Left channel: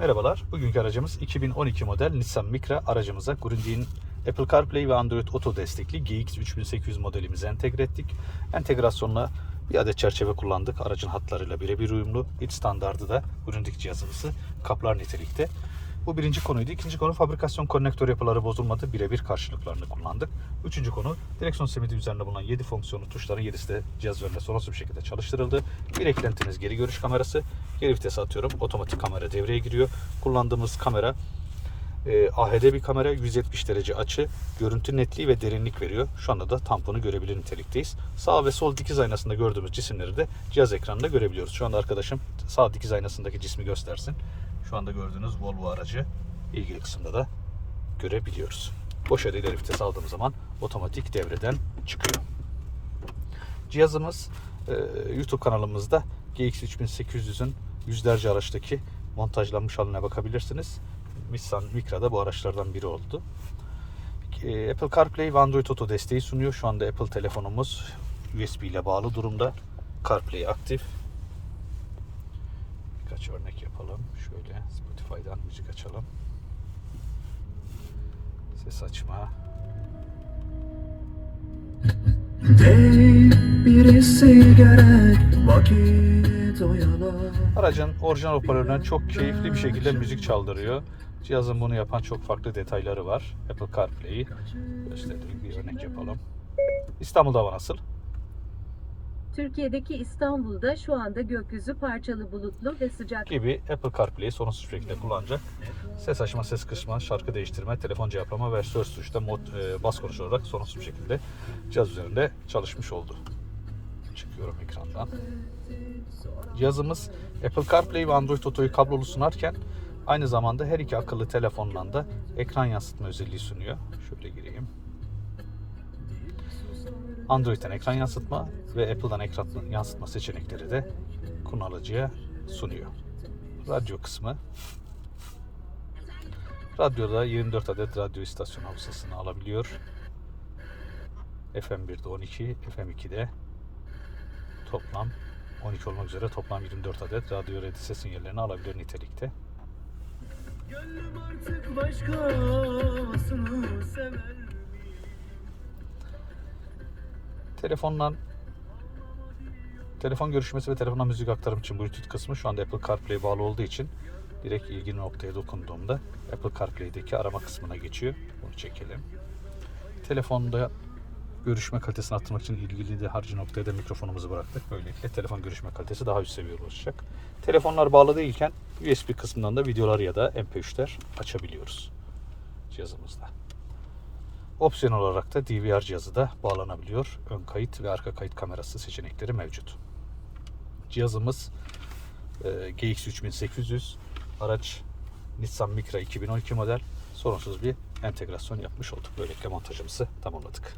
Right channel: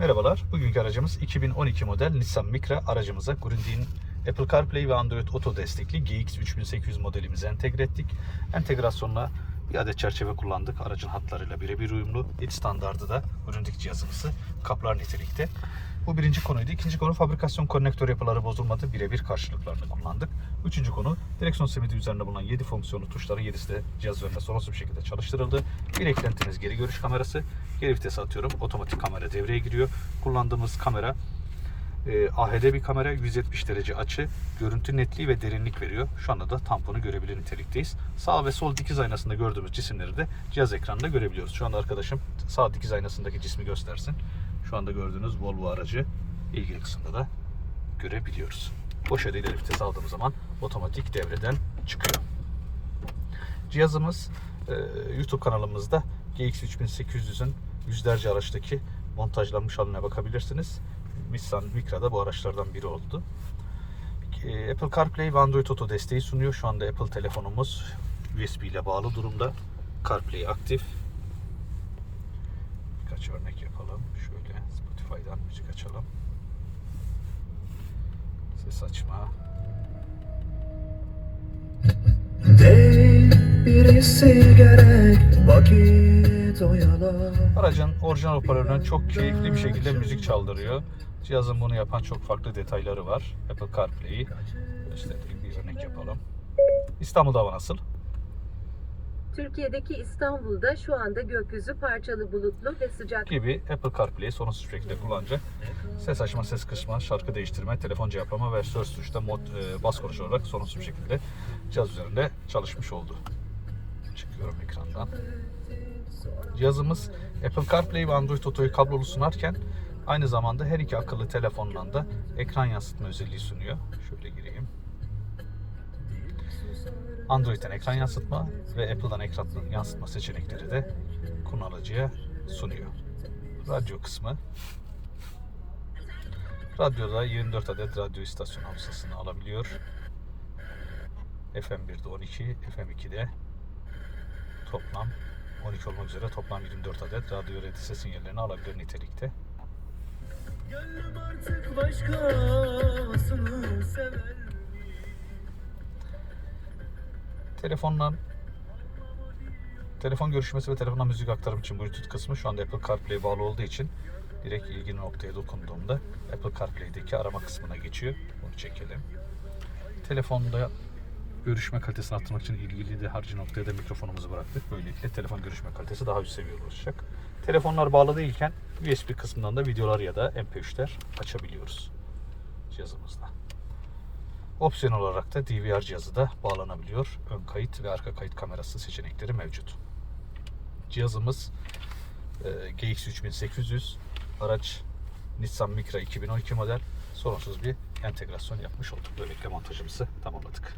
Merhabalar. Bugünkü aracımız 2012 model Nissan Micra. Aracımıza Grundig'in Apple CarPlay ve Android Auto destekli GX3800 modelimizi entegre ettik. Entegrasyonla bir adet çerçeve kullandık. Aracın hatlarıyla birebir uyumlu. İç standardı da Grundig cihazımızı kaplar nitelikte. Bu birinci konuydu. İkinci konu fabrikasyon konnektör yapıları bozulmadı. Birebir karşılıklarını kullandık. Üçüncü konu direksiyon simidi üzerinde bulunan 7 fonksiyonlu tuşların 7'si de cihaz üzerinde sorunsuz bir şekilde çalıştırıldı. Bir eklentimiz geri görüş kamerası. Geri vitese atıyorum. Otomatik kamera devreye giriyor. Kullandığımız kamera e, AHD bir kamera 170 derece açı, görüntü netliği ve derinlik veriyor. Şu anda da tamponu görebilir nitelikteyiz. Sağ ve sol dikiz aynasında gördüğümüz cisimleri de cihaz ekranında görebiliyoruz. Şu anda arkadaşım sağ dikiz aynasındaki cismi göstersin. Şu anda gördüğünüz Volvo aracı ilgi kısmında da görebiliyoruz. Boş ileri vites aldığımız zaman otomatik devreden çıkıyor. Cihazımız e, YouTube kanalımızda GX3800'ün yüzlerce araçtaki montajlanmış haline bakabilirsiniz. Nissan Micra da bu araçlardan biri oldu. E, Apple CarPlay ve Android Auto desteği sunuyor. Şu anda Apple telefonumuz USB ile bağlı durumda. CarPlay aktif. Birkaç örnek yapalım. Spotify'dan müzik açalım. Ses açma. Değil birisi gerek vakit oyalar Aracın orijinal hoparlöründen çok keyifli bir şekilde müzik çaldırıyor. Cihazın bunu yapan çok farklı detayları var. Apple CarPlay'i gösterdiğim bir örnek yapalım. İstanbul'da hava nasıl? Türkiye'deki İstanbul'da şu anda gökyüzü parçalı bulutlu ve sıcak. gibi Apple CarPlay'i sorunsuz şekilde kullanacak. Ses açma, ses kısma, şarkı değiştirme, telefon cevaplama ve söz tuşta mod, e, bas konuş olarak sorunsuz şekilde cihaz üzerinde çalışmış oldu. Çıkıyorum ekrandan. Cihazımız Apple CarPlay ve Android Auto'yu kablolu sunarken aynı zamanda her iki akıllı telefonla da ekran yansıtma özelliği sunuyor. Şöyle gireyim. Android'den ekran yansıtma ve Apple'dan ekran yansıtma seçenekleri de kullanıcıya sunuyor. Radyo kısmı. Radyoda 24 adet radyo istasyon hafızasını alabiliyor. FM1'de 12, FM2'de toplam 12 olmak üzere toplam 24 adet radyo redise sinyallerini alabilir nitelikte. Gönlüm artık başkasını Telefondan telefon görüşmesi ve telefondan müzik aktarım için Bluetooth kısmı şu anda Apple CarPlay bağlı olduğu için direkt ilgili noktaya dokunduğumda Apple CarPlay'deki arama kısmına geçiyor. Bunu çekelim. Telefonda görüşme kalitesini arttırmak için ilgili de harcı noktaya da mikrofonumuzu bıraktık. Böylelikle telefon görüşme kalitesi daha üst seviyeye ulaşacak. Telefonlar bağlı değilken USB kısmından da videoları ya da MP3'ler açabiliyoruz. Opsiyon olarak da DVR cihazı da bağlanabiliyor. Ön kayıt ve arka kayıt kamerası seçenekleri mevcut. Cihazımız e, GX3800 araç Nissan Micra 2012 model sorunsuz bir entegrasyon yapmış olduk. Böylelikle montajımızı tamamladık.